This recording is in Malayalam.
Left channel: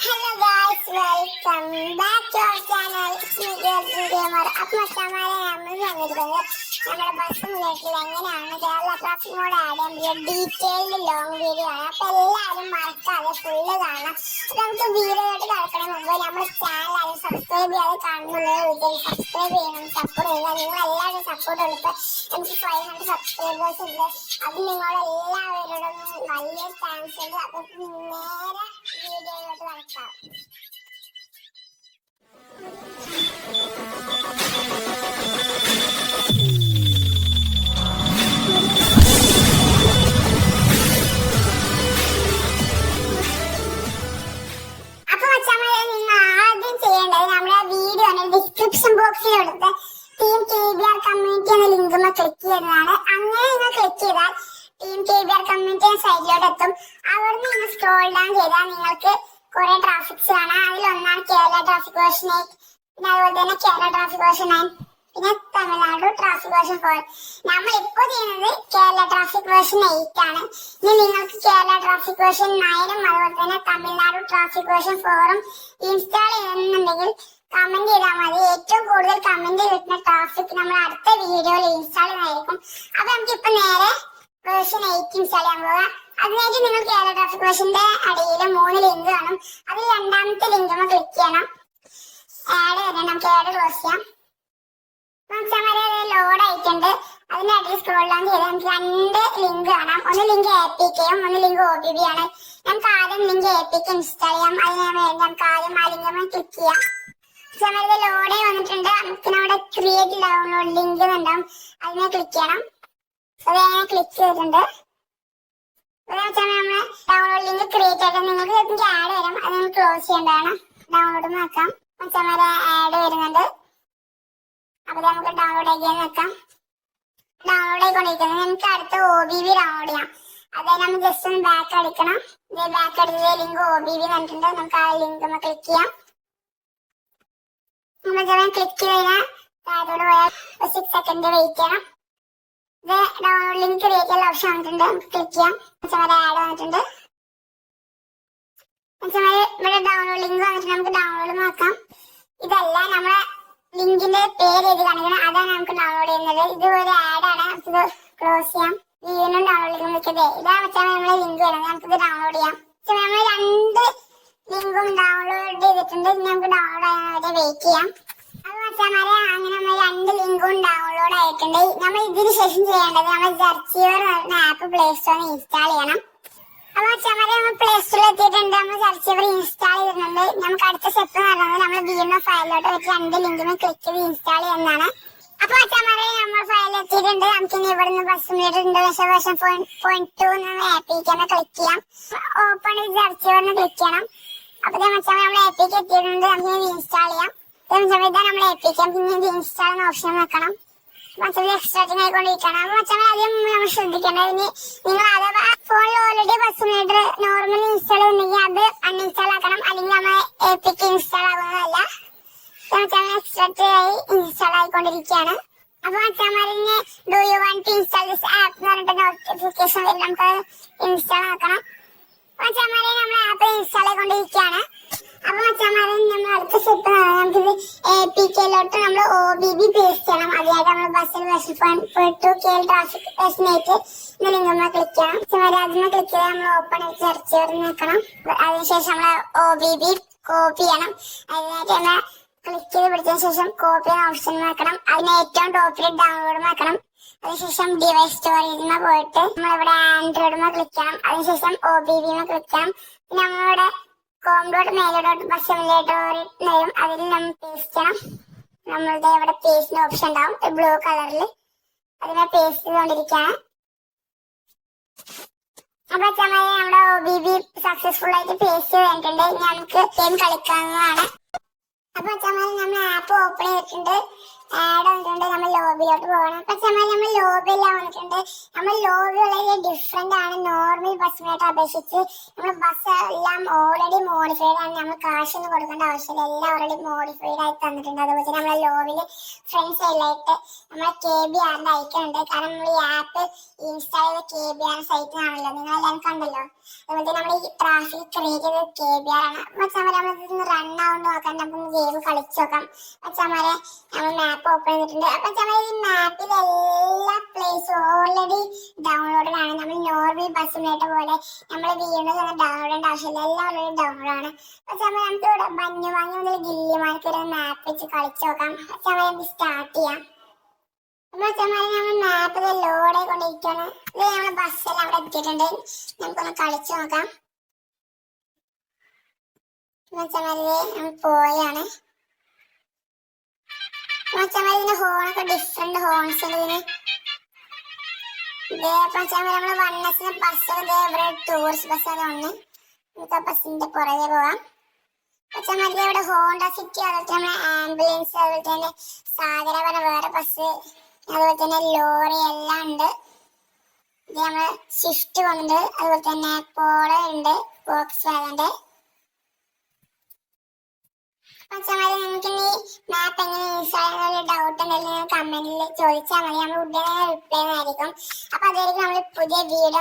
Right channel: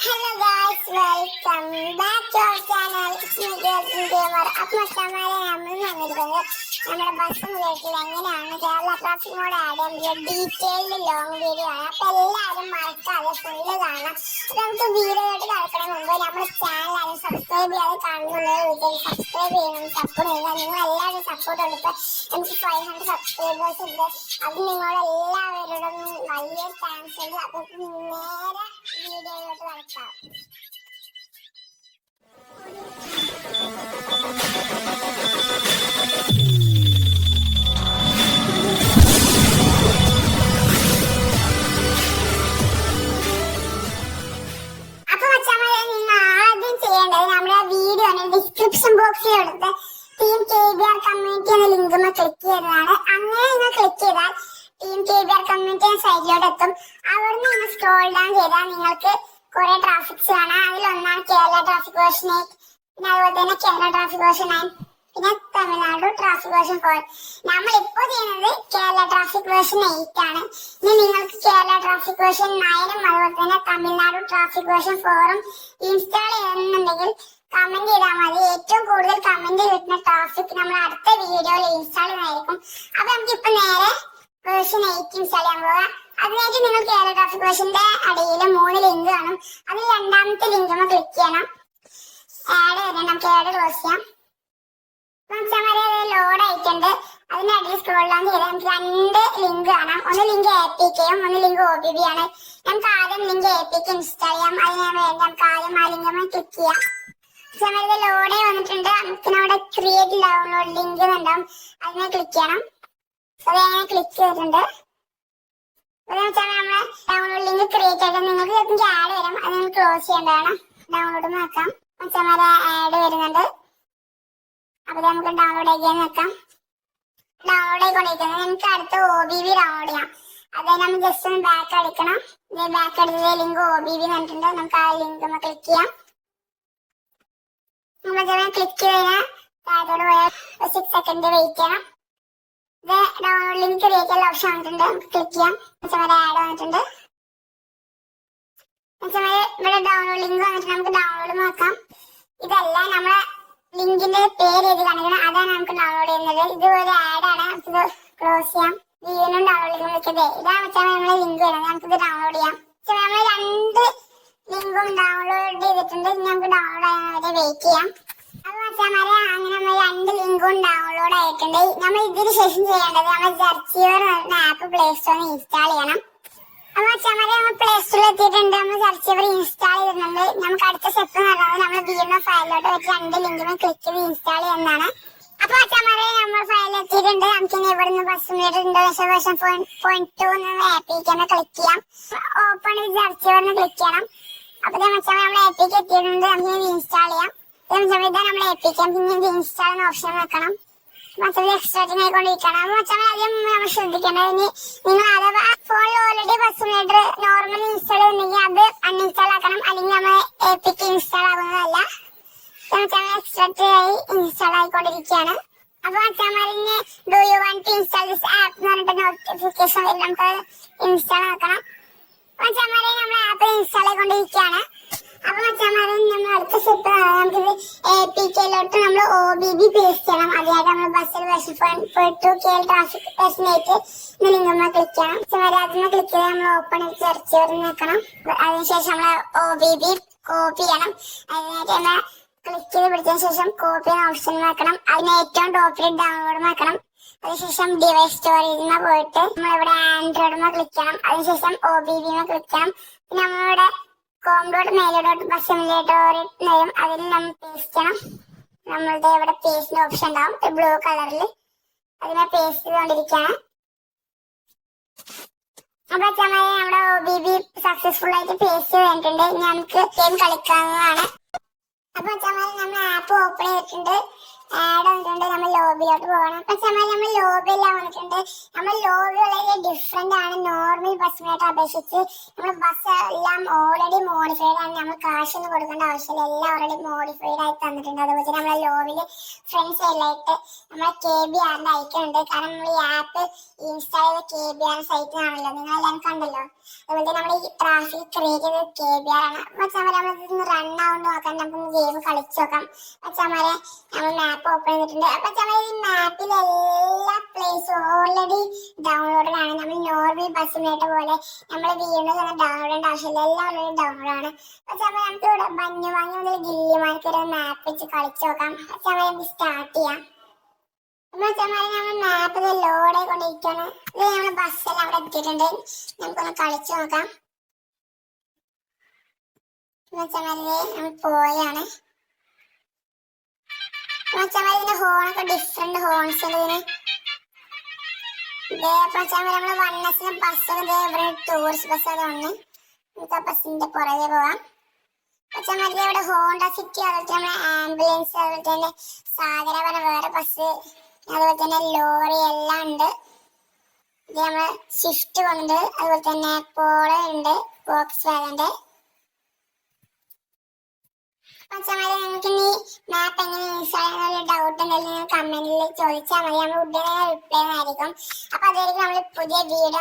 Hello guys, welcome back to our channel. It's me Girls Gamer. അപ്പോൾ സമാധാനം നമ്മൾ വന്നിരിക്കുന്നത് നമ്മുടെ ബസ് മുതൽ എങ്ങനെയാണ് കേരള ട്രാഫിക് മോഡ് ആഡ് ചെയ്യാൻ ഡീറ്റെയിൽഡ് ലോങ് വീഡിയോ ആണ്. അപ്പോൾ എല്ലാവരും മറക്കാതെ ഫുള്ള് കാണാം. നമുക്ക് വീഡിയോയിട്ട് കിടക്കണ മുമ്പ് നമ്മുടെ ചാനൽ ആരും സബ്സ്ക്രൈബ് ചെയ്യാതെ കാണുന്നുള്ളത് സബ്സ്ക്രൈബ് ചെയ്യണം, സപ്പോർട്ട് ചെയ്യുക. നിങ്ങൾ എല്ലാവരും സപ്പോർട്ട് കൊടുക്കുക. എനിക്ക് 500 സബ്സ്ക്രൈബേഴ്സ് ഉണ്ട്. അത് നിങ്ങളെല്ലാവരോടും വലിയ താങ്ക്സ് ഉണ്ട്. അപ്പോൾ നേരെ വീഡിയോയിലോട്ട് കിടക്കാം. ഡിസ്ക്രിപ്ഷൻ ബോക്സിൽ എടുത്ത് ടീം KBR കമ്മ്യൂണിറ്റി എന്ന ലിങ്ക് ക്ലിക്ക് ചെയ്യുന്നതാണ്. അങ്ങനെ നിങ്ങൾ ക്ലിക്ക് ചെയ്താൽ ടീം KBR കമ്മ്യൂണിറ്റി എന്ന സൈറ്റിലോട്ട് എത്തും. അവിടുന്ന് നിങ്ങൾ സ്ക്രോൾ ഡൗൺ ചെയ്താൽ നിങ്ങൾക്ക് കുറെ ട്രാഫിക്സ് കാണാം. അതിലൊന്നാണ് കേരള ട്രാഫിക് വേർഷൻ 8, പിന്നെ അതുപോലെ തന്നെ കേരള ട്രാഫിക് വേർഷൻ 9, പിന്നെ തമിഴ്നാട് ട്രാഫിക് വേർഷൻ 4. നമ്മൾ ഇപ്പോൾ ചെയ്യുന്നത് കേരള ട്രാഫിക് വേർഷൻ 8 ആണ്. ഇനി നിങ്ങൾക്ക് കേരള ട്രാഫിക് വേർഷൻ 9ഉം അതുപോലെ തന്നെ തമിഴ്നാട് ട്രാഫിക് വേർഷൻ 4ഉം ഇൻസ്റ്റാൾ ചെയ്യണമെന്നുണ്ടെങ്കിൽ കമന്റ് ചെയ്താൽ മതി. ഏറ്റവും കൂടുതൽ കമന്റ് കിട്ടുന്ന ട്രാഫിക് നമ്മൾ അടുത്ത വീഡിയോയിൽ ഇൻസ്റ്റാൾ ചെയ്യുന്നതായിരിക്കും. അപ്പൊ നമുക്കിപ്പോ നേരെ വേർഷൻ 8 ഇൻസ്റ്റാൾ ചെയ്യാൻ പോകാം. അതിനായിട്ട് നിങ്ങൾ കേരള ട്രാഫിക് വേർഷന്റെ അടിയിൽ 3 ലിങ്ക് കാണും. അതിൽ രണ്ടാമത്തെ ലിങ്ക് ക്ലിക്ക് ചെയ്യണം. ആഡ് വരെ നമുക്ക് ആഡ് ക്ലോസ് ചെയ്യാം. ലോഡ് ആയിട്ടുണ്ട്. അതിന്റെ അടിയിൽ സ്ക്രോൾ ഡൗൺ ചെയ്താൽ നമുക്ക് 2 ലിങ്ക് കാണാം. ഒന്ന് ലിങ്ക് APKയും ഒന്ന് ലിങ്ക് OBB ആണ്. നമുക്ക് ആദ്യം ലിങ്ക് APK ഇൻസ്റ്റാൾ ചെയ്യാം. അതിന് വേണ്ടി നമുക്ക് ആദ്യം ആ ലിങ്ക് ക്ലിക്ക് ചെയ്യാം. ലോഡേ വന്നിട്ടുണ്ട്. നമുക്ക് അവിടെ ക്രിയേറ്റ് ഡൗൺലോഡ് ലിങ്ക് ഉണ്ടാവും. അതിനെ ക്ലിക്ക് ചെയ്യണം. അത് ഞാൻ ക്ലിക്ക് ചെയ്തിട്ടുണ്ട്. നമ്മള് ഡൗൺലോഡ് ലിങ്ക് ക്രിയേറ്റ് ആയിട്ട് നിങ്ങൾക്ക് ചിലപ്പോൾ ആഡ് വരും. അത് നമുക്ക് ക്ലോസ് ചെയ്യേണ്ടതാണ്. ഡൗൺലോഡ് നോക്കാം. ആഡ് വരുന്നുണ്ട്. അപ്പൊ നമുക്ക് ഡൗൺലോഡ് ആക്കിയാൽ നോക്കാം. ഡൗൺലോഡ് ആയിക്കൊണ്ടിരിക്കുന്നത് നമുക്ക് അടുത്ത OBB ഡൗൺലോഡ് ചെയ്യാം. അതായത് നമ്മൾ ജസ്റ്റ് ഒന്ന് ബാക്ക് അടിക്കണം. ബാക്ക് അടിച്ചത് ലിങ്ക് OBB വന്നിട്ടുണ്ട്. നമുക്ക് ആ ലിങ്ക് ക്ലിക്ക് ചെയ്യാം. ക്ലിക്ക് കഴിഞ്ഞാൽ താഴോട്ട് പോയാൽ 6 സെക്കൻഡ് വെയിറ്റ് ചെയ്യണം. ഇത് ഡൗൺലോഡ് ലിങ്ക് ക്രിയേറ്റ് ചെയ്യാൻ ഓപ്ഷൻ വന്നിട്ടുണ്ട്. നമുക്ക് ക്ലിക്ക് ചെയ്യാം. ആഡ് വന്നിട്ടുണ്ട്. ഇവിടെ ഡൗൺലോഡ് ലിങ്ക് വന്നിട്ട് നമുക്ക് ഡൗൺലോഡ് നോക്കാം. ഇതല്ല നമ്മളെ ലിങ്കിന്റെ പേര് എഴുതി കാണിക്കണം. അതാണ് നമുക്ക് ഡൗൺലോഡ് ചെയ്യുന്നത്. ഇത് ഒരു ആഡാണ്. ഇത് ക്ലോസ് ചെയ്യാം. വീണ്ടും ഡൗൺലോഡ് ലിങ്ക് നിൽക്കുന്നത് ഇതാണ് നമ്മളെ ലിങ്ക് വരുന്നത്. നമുക്കിത് ഡൗൺലോഡ് ചെയ്യാം. നമ്മൾ 2 ലിങ്കും ഡൗൺലോഡ് ചെയ്തിട്ടുണ്ട്. നമുക്ക് ഡൗൺലോഡ് ആകാൻ വെയിറ്റ് ചെയ്യാം. അത് അങ്ങനെ നമ്മൾ 2 ലിങ്കും ഡൗൺലോഡ് ആയിട്ടുണ്ട്. നമ്മൾ ഇതിന് ശേഷം ചെയ്യേണ്ടത് നമ്മൾ സെർച്ചീവർ ആപ്പ് പ്ലേ സ്റ്റോറിൽ ഇൻസ്റ്റാൾ ചെയ്യണം. അപ്പൊ നമ്മൾ പ്ലേ സ്റ്റോറിൽ എത്തിയിട്ടുണ്ട്. നമ്മൾ സെർച്ചീവർ ഇൻസ്റ്റാൾ ചെയ്തിട്ടുണ്ട്. നമുക്ക് അടുത്ത സ്റ്റെപ്പ് എന്ന് പറയുന്നത് നമ്മൾ BMF ഫയലിലോട്ട് വെച്ച് 2 ലിങ്കും ക്ലിക്ക് ചെയ്ത് ഇൻസ്റ്റാൾ ചെയ്യുന്നതാണ്. അപ്പൊ നമ്മൾ ഫയൽ എത്തിയിട്ടുണ്ട്. നമുക്ക് ഇനി ഇവിടെ നിന്ന് bus meter Indonesia version 4.2 APK click ചെയ്യാം. ഓപ്പൺ സെർച്ചീവറിന് ക്ലിക്ക് ചെയ്യണം. അപ്പൊ നമ്മൾ APK എത്തിയിട്ടുണ്ട്. നമുക്ക് ഇൻസ്റ്റാൾ ചെയ്യാം. ഇതാണ് നമ്മൾ APK. പിന്നെ ഇൻസ്റ്റാൾ എന്ന ഓപ്ഷൻ വെക്കണം. എക്സ്ട്രാക്റ്റിംഗ് ആയിക്കൊണ്ടിരിക്കണം. അപ്പൊ ആദ്യം നമ്മൾ ശ്രദ്ധിക്കേണ്ടത് നിങ്ങൾ അഥവാ ഫോണിൽ already bus meter normal install ചെയ്യുന്നെങ്കിൽ അത് അൺഇൻസ്റ്റാൾ ആക്കണം. അല്ലെങ്കിൽ നമ്മൾ APK ഇൻസ്റ്റാൾ ആകുന്നതല്ല. എക്സ്ട്രാക്ട് ആയി ഇൻസ്റ്റാൾ ആയിക്കൊണ്ടിരിക്കുകയാണ്. അപ്പൊ അച്ഛന്മാരിന് do you want to install this app എന്ന് പറഞ്ഞിട്ട് നോട്ടിഫിക്കേഷൻ വരും. നമുക്ക് ഇൻസ്റ്റാൾ ആക്കണം. അപ്പൊ അച്ഛന്മാരെ നമ്മൾ ആപ്പ് ഇൻസ്റ്റാൾ ആയിക്കൊണ്ടിരിക്കുകയാണ്. അപ്പൊ അച്ഛന്മാരെ നമ്മൾ അടുത്ത സ്റ്റെപ്പ് നമുക്കിത് APKയിലോട്ട് നമ്മൾ OBB പേസ്റ്റ് ചെയ്യണം. അതിനായിട്ട് നമ്മൾ ബസ്സിൽ വേർഷൻ 4.2 KL ട്രാഫിക് വേർഷൻ 8 എന്ന ലിങ്ക് നമ്മൾ ക്ലിക്ക് ചെയ്യണം. അതിന് ക്ലിക്ക് ചെയ്ത് നമ്മൾ ഓപ്പൺ സെർച്ച് ചെയ്ത് നോക്കണം. അതിനുശേഷം നമ്മൾ OBB കോപ്പി ചെയ്യണം. അതിനായിട്ട് നമ്മൾ ക്ലിക്ക് ചെയ്ത് പിടിച്ചതിന് ശേഷം കോപ്പി എന്ന ഓപ്ഷൻ നോക്കണം. അതിന് ഏറ്റവും ടോപ്പിൽ ഡൗൺലോഡ് നോക്കണം. അതിനുശേഷം ഡിവൈസ് സ്റ്റോറേജിൽ പോയിട്ട് നമ്മളിവിടെ ആൻഡ്രോയിഡ് ക്ലിക്ക് ചെയ്യണം. അതിനുശേഷം OBB ക്ലിക്ക് ചെയ്യണം. പിന്നെ നമ്മളിവിടെ കോംഡോട്ട് മേലോട്ട് ബസ് സിമുലേറ്റർ വരും. അതിൽ നമ്മൾ പേസ്റ്റ് ചെയ്യണം. നമ്മളുടെ ഇവിടെ പേസ്റ്റിന്റെ ഓപ്ഷൻ ഉണ്ടാവും ബ്ലൂ കളറിൽ. അതിനെ പേസ്റ്റ് ചെയ്തുകൊണ്ടിരിക്കുകയാണ്. അപ്പൊ നമ്മുടെ OBB സക്സസ്ഫുൾ ആയിട്ട് പേസ്റ്റ് ചെയ്തിട്ടുണ്ട്. ഇനി നമുക്ക് ഗെയിം കളിക്കാവുന്നതാണ്. അപ്പൊ നമ്മൾ ആപ്പ് ഓപ്പൺ ചെയ്തിട്ടുണ്ട്. ആഡ് വന്നിട്ടുണ്ട്. നമ്മൾ ലോബിയിലോട്ട് പോകണം. അപ്പൊ നമ്മൾ ലോബിയെല്ലാം വന്നിട്ടുണ്ട്. നമ്മൾ ലോബി വളരെ ഡിഫറെന്റ് ആണ് നോർമൽ ബസ് മീറ്റർ അപേക്ഷിച്ച്. നമ്മൾ ബസ് എല്ലാം ഓൾറെഡി മോഡിഫൈഡ് ആണ്. നമ്മൾ കാശൊന്നും കൊടുക്കേണ്ട ആവശ്യമില്ല. എല്ലാം ഓൾറെഡി മോഡിഫൈഡ് ആയി തന്നിട്ടുണ്ട്. അതുപോലെ തന്നെ നമ്മളെ ലോബില് ഫ്രണ്ട് സൈഡിലായിട്ട് നമ്മളെ KBRന്റെ ഐക്കൺ ഉണ്ട്. കാരണം നമ്മൾ ഈ ആപ്പ് ഇൻസ്റ്റാൾ ചെയ്ത KBR സൈറ്റിലാണല്ലോ, നിങ്ങൾ എല്ലാവരും കണ്ടല്ലോ. അതുപോലെ തന്നെ നമ്മൾ ഈ ട്രാഫിക് ക്രിയേറ്റ് ചെയ്തത് KBR ആണ്. മച്ചാമാരെ നമ്മളിതൊന്ന് റൺ ആവുകൊണ്ട് നോക്കാൻ നമുക്കൊന്ന് ഗെയിം കളിച്ചു നോക്കാം. മച്ചാമാരെ നമ്മൾ മാപ്പ് ഓപ്പൺ ചെയ്തിട്ടുണ്ട്. അപ്പൊ മച്ചാമാരെ ഈ മാപ്പിൽ എല്ലാ പ്ലേസും ഓൾറെഡി ഡൗൺലോഡഡ് ആണ്. നമ്മൾ നോർമൽ ബസ് സിമുലേറ്റർ പോലെ നമ്മൾ വീണ്ടും ഡൗൺലോഡ് ചെയ്യേണ്ട ആവശ്യമില്ല. എല്ലാം ഓൾറെഡി ഡൗൺലോഡ് ആണ്. മച്ചാമാരെ നമുക്ക് ഇവിടെ ബന്യമാങ്ങ മുതൽ ഗില്ലിമാർക്ക് ഒരു മാപ്പ് വെച്ച് കളിച്ചു നോക്കാം. മച്ചാമാരെ നമുക്ക് സ്റ്റാർട്ട് ചെയ്യാം. മച്ചാമാരെ നമ്മൾ മാപ്പിൽ ലോഡ് കൊണ്ടിരിക്കുകയാണ്. ഇത് നമ്മുടെ ബസ്സെല്ലാം അവിടെ എത്തിയിട്ടുണ്ട്. നമുക്കൊന്ന് കളിച്ചു നോക്കാം. മച്ചാമാരെ നമ്മൾ പോയാണ്. മച്ചാമാരെ ഇതിന്റെ ഹോണൊക്കെ ഡിഫറെന്റ് ഹോൺസ് ഉണ്ട് ഇതിന്. മച്ചാമാരെ നമ്മള് വണ്ണസിന് ബസ്സൊക്കെ ഇവിടെ ടൂറിസ്റ്റ് ബസ് അതുകൊണ്ട് നമുക്ക് ആ ബസ്സിന്റെ പുറകെ പോവാം. മച്ചാമാരെ ഇവിടെ ഹോണ്ട സിറ്റി, അതുപോലെ തന്നെ ആംബുലൻസ്, അതുപോലെ തന്നെ സാഗര പറഞ്ഞ വേറെ ബസ്, അതുപോലെ തന്നെ ലോറി എല്ലാം ഉണ്ട്. ഇത് നമ്മള് സ്വിഫ്റ്റ് ഉണ്ട്, അതുപോലെ തന്നെ പോളോ ഉണ്ട്, വോക്സ് വാഗന്റെ. മച്ചാമാരെ നിങ്ങൾക്ക് ഈ മാപ്പ് എങ്ങനെ ഇൻസ്റ്റാൾ ചെയ്യുന്ന ഡൗട്ട് എന്തെങ്കിലും കമന്റിൽ ചോദിച്ചാൽ മതി. നമ്മൾ ഉടനെ റിപ്ലൈ ആയിരിക്കും. അപ്പൊ അതായിരിക്കും നമ്മൾ പുതിയ വീഡിയോ